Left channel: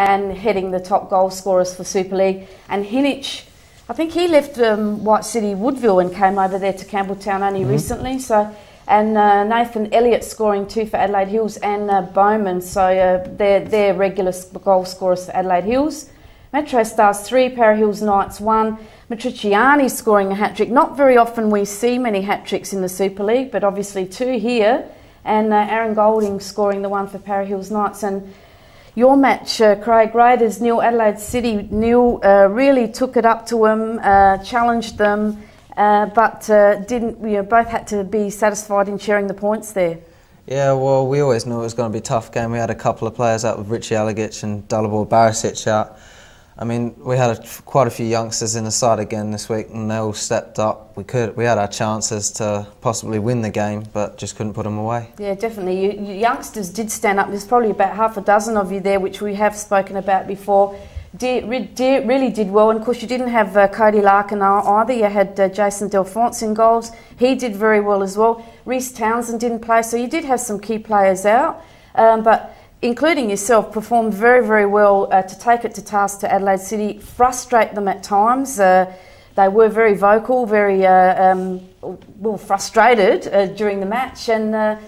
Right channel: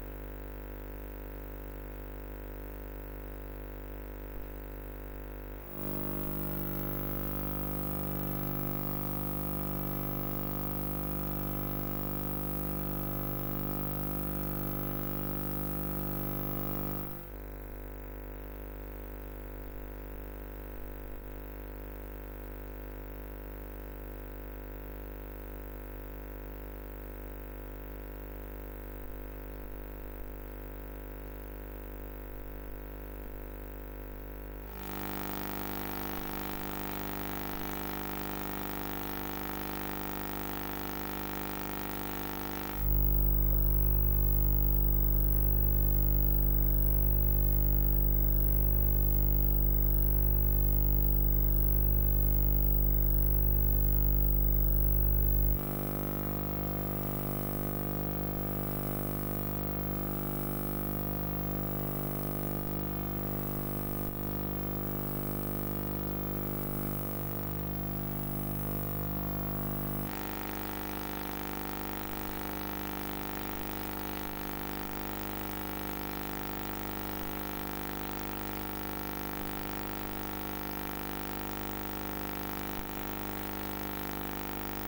and heading the top goal scorers for Super League. And Hinich, I think he left White City Woodville and came over there to Campbelltown only recently. So, and Nathan Elliott scoring 2 for Adelaide Hills, and Bowman. So they're regular goal scorers for Adelaide Hills. Metro Stars 3, Para Hills Knights 1. Matriciani scoring a hat-trick. Not very often we see many hat-tricks in the Super League, but obviously 2 here. And Aaron Golding scoring the 1 for Para Hills Knights. And your match, Craig, Raiders 0, Adelaide City 0, really took it up to them, challenged them, but didn't. Both had to be satisfied in sharing the points there. Yeah, well, we always knew it was going to be a tough game. We had a couple of players out with Richie Alagich and Dalibor Barisic out. I mean, we had quite a few youngsters in the side again this week, and they all stepped up. We had our chances to possibly win the game, but just couldn't put them away. Yeah, definitely. You youngsters did stand up. There's probably about half a dozen of you there, which we have spoken about before. Really did well, and of course you didn't have Cody Larkin either. You had Jason Delphonse in goals. He did very well as well. Reece Townsend didn't play, so you did have some key players out, but including yourself, performed very, very well to take it to task to Adelaide City, frustrate them at times. They were very vocal, very frustrated during the match, and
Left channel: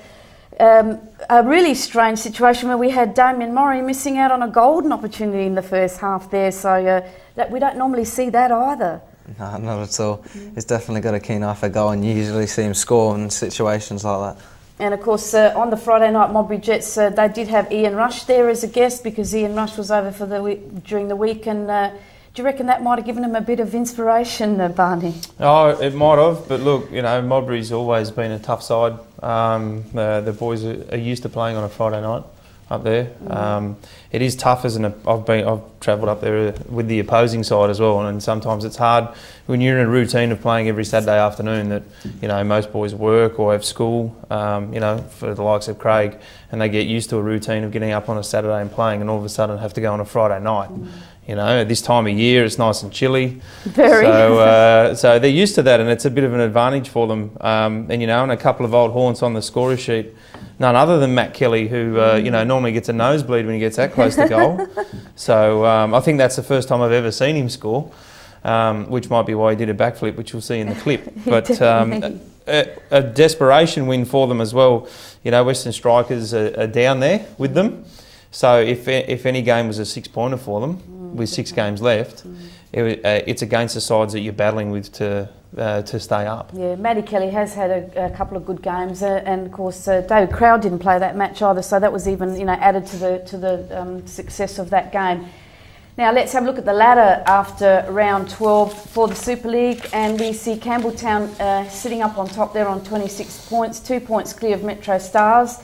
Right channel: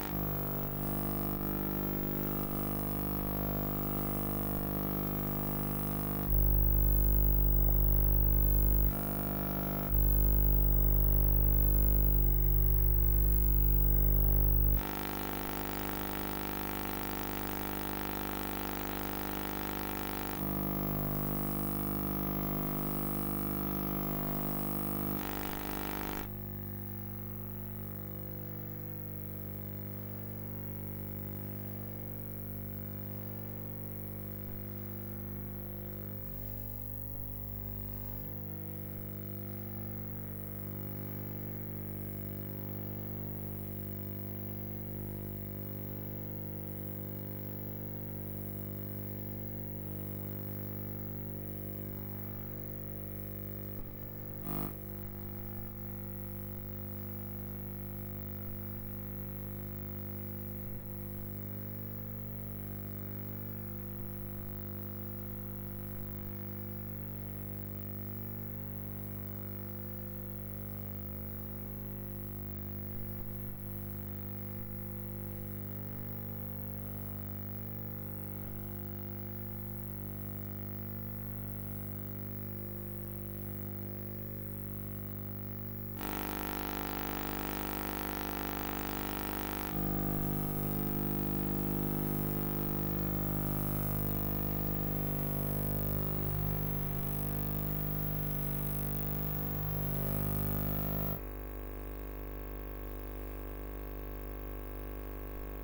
a really strange situation where we had Damien Murray missing out on a golden opportunity in the first half there, so that we don't normally see that either. No, not at all. He's definitely got a keen eye for goal, and you usually see him score in situations like that. And of course, on the Friday night Modbury Jets, they did have Ian Rush there as a guest because Ian Rush was over for during the week. And do you reckon that might have given him a bit of inspiration, Barney? Oh, it might have. But look, Modbury's always been a tough side. The boys are used to playing on a Friday night up there. It is tough, isn't it? I've travelled up there with the opposing side as well, and sometimes it's hard when you're in a routine of playing every Saturday afternoon that most boys work or have school. For the likes of Craig, and they get used to a routine of getting up on a Saturday and playing, and all of a sudden have to go on a Friday night. At this time of year, it's nice and chilly. Very. So they're used to that, and it's a bit of an advantage for them. And a couple of old haunts on the scorer sheet. None other than Matt Kelly, who normally gets a nosebleed when he gets that close to goal. So I think that's the first time I've ever seen him score, which might be why he did a backflip, which we'll see in the clip. But a desperation win for them as well. Western Strikers are down there with them. So if any game was a 6-pointer for them, with 6 games left, it's against the sides that you're battling with to stay up. Yeah, Matty Kelly has had a couple of good games, and of course David Crowd didn't play that match either, so that was even added to the success of that game. Now let's have a look at the ladder after round 12 for the Super League, and we see Campbelltown sitting up on top there on 26 points, 2 points clear of Metro Stars.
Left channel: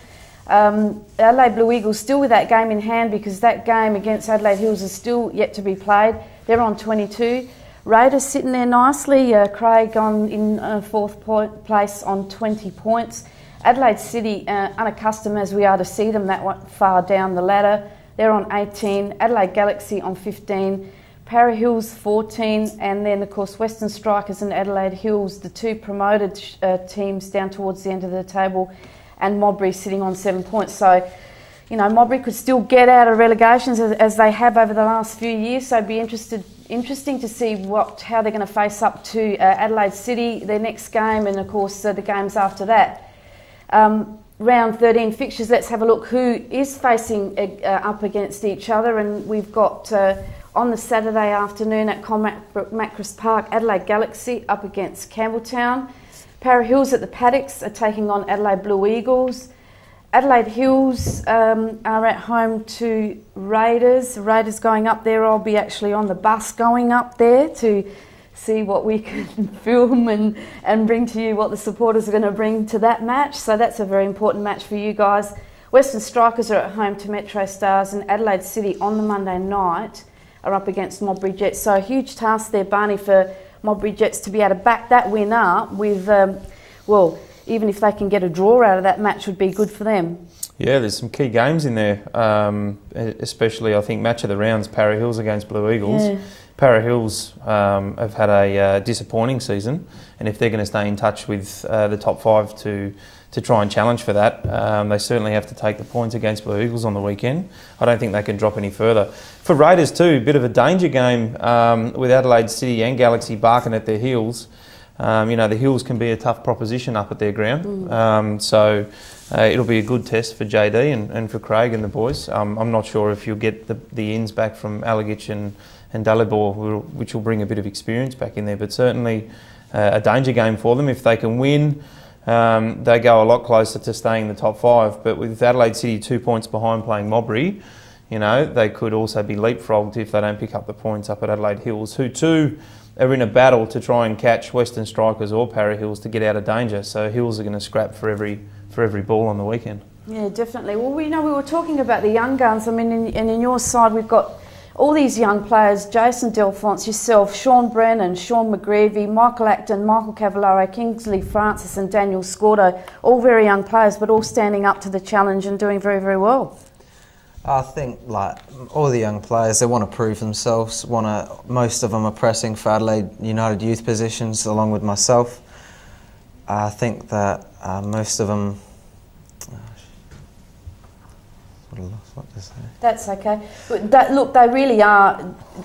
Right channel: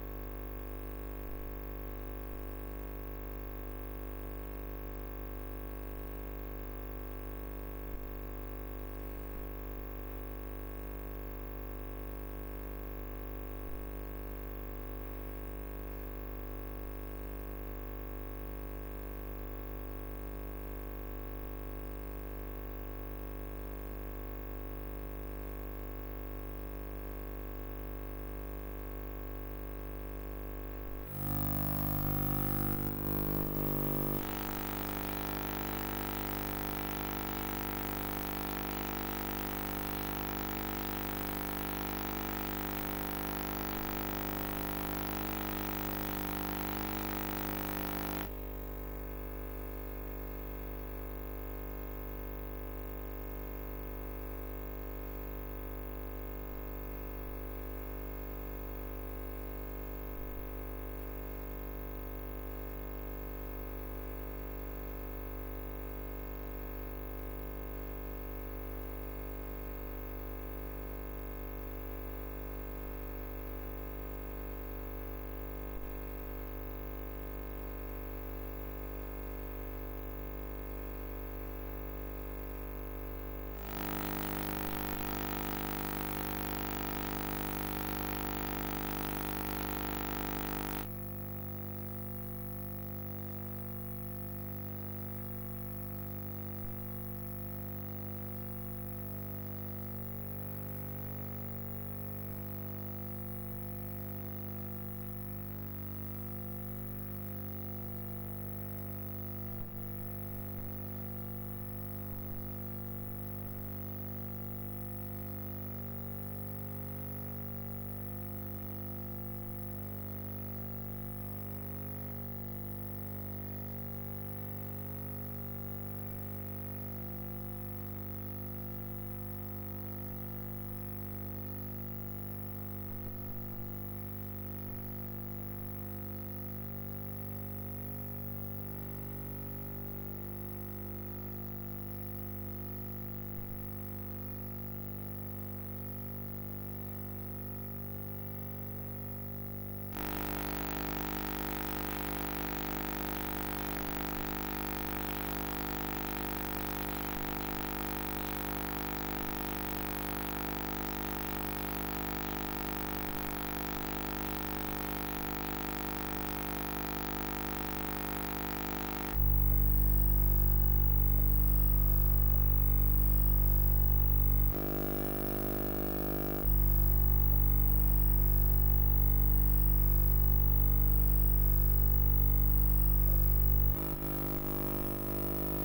Adelaide Blue Eagles still with that game in hand because that game against Adelaide Hills is still yet to be played. They're on 22. Raiders sitting there nicely. Craig in 4th place on 20 points. Adelaide City, unaccustomed as we are to see them that far down the ladder, they're on 18. Adelaide Galaxy on 15. Para Hills 14, and then of course Western Strikers and Adelaide Hills, the 2 promoted teams down towards the end of the table, and Modbury sitting on 7 points. So, Modbury could still get out of relegations as they have over the last few years. So it'd be interesting to see how they're going to face up to Adelaide City, their next game, and of course the games after that. Round 13 fixtures, let's have a look who is facing up against each other, and we've got on the Saturday afternoon at Macris Park, Adelaide Galaxy up against Campbelltown. Para Hills at the Paddocks are taking on Adelaide Blue Eagles. Adelaide Hills are at home to Raiders. Raiders going up there. I'll be actually on the bus going up there to see what we can film and bring to you, what the supporters are going to bring to that match. So that's a very important match for you guys. Western Strikers are at home to Metro Stars, and Adelaide City on the Monday night are up against Modbury Jets. So a huge task there, Barney, for Modbury Jets to be able to back that win up with, even if they can get a draw out of that match would be good for them. Yeah, there's some key games in there, especially I think match of the rounds, Para Hills against Blue Eagles. Yeah. Para Hills have had a disappointing season, and if they're going to stay in touch with the top 5 to try and challenge for that, they certainly have to take the points against Blue Eagles on the weekend. I don't think they can drop any further. For Raiders too, a bit of a danger game with Adelaide City and Galaxy barking at their heels. You know, the Hills can be a tough proposition up at their ground. So it'll be a good test for JD and for Craig and the boys. I'm not sure if you'll get the ins back from Alagich and Dalibor, which will bring a bit of experience back in there, but certainly a danger game for them. If they can win, they go a lot closer to staying in the top 5. But with Adelaide City 2 points behind playing Modbury, you know, they could also be leapfrogged if they don't pick up the points up at Adelaide Hills, who too are in a battle to try and catch Western Strikers or Para Hills to get out of danger. So Hills are going to scrap for every ball on the weekend. Yeah, definitely. Well, we were talking about the young guns. I mean, in your side, we've got all these young players: Jason Delphonse, yourself, Sean Brennan, Sean McGreevy, Michael Acton, Michael Cavallaro, Kingsley Francis and Daniel Scordo. All very young players, but all standing up to the challenge and doing very, very well. I think, like, all the young players, they want to prove themselves. Most of them are pressing for Adelaide United youth positions, along with myself. I think that most of them. That's okay. Look, they really are,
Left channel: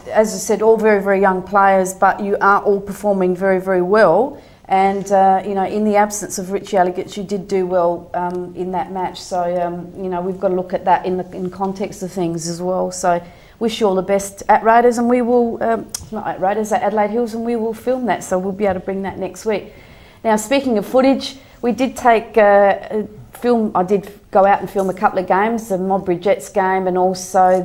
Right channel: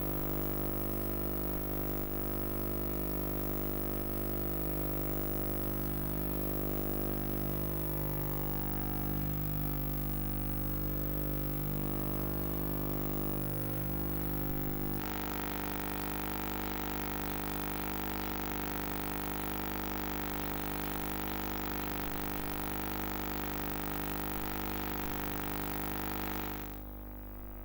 as I said, all very, very young players, but you are all performing very, very well. And, you know, in the absence of Richie Alagich, you did do well in that match. So, you know, we've got to look at that in context of things as well. So, wish you all the best at Raiders, and we will, not at Raiders, at Adelaide Hills, and we will film that. So, we'll be able to bring that next week. Now, speaking of footage, we did take I did go out and film a couple of games, the Modbury Jets game and also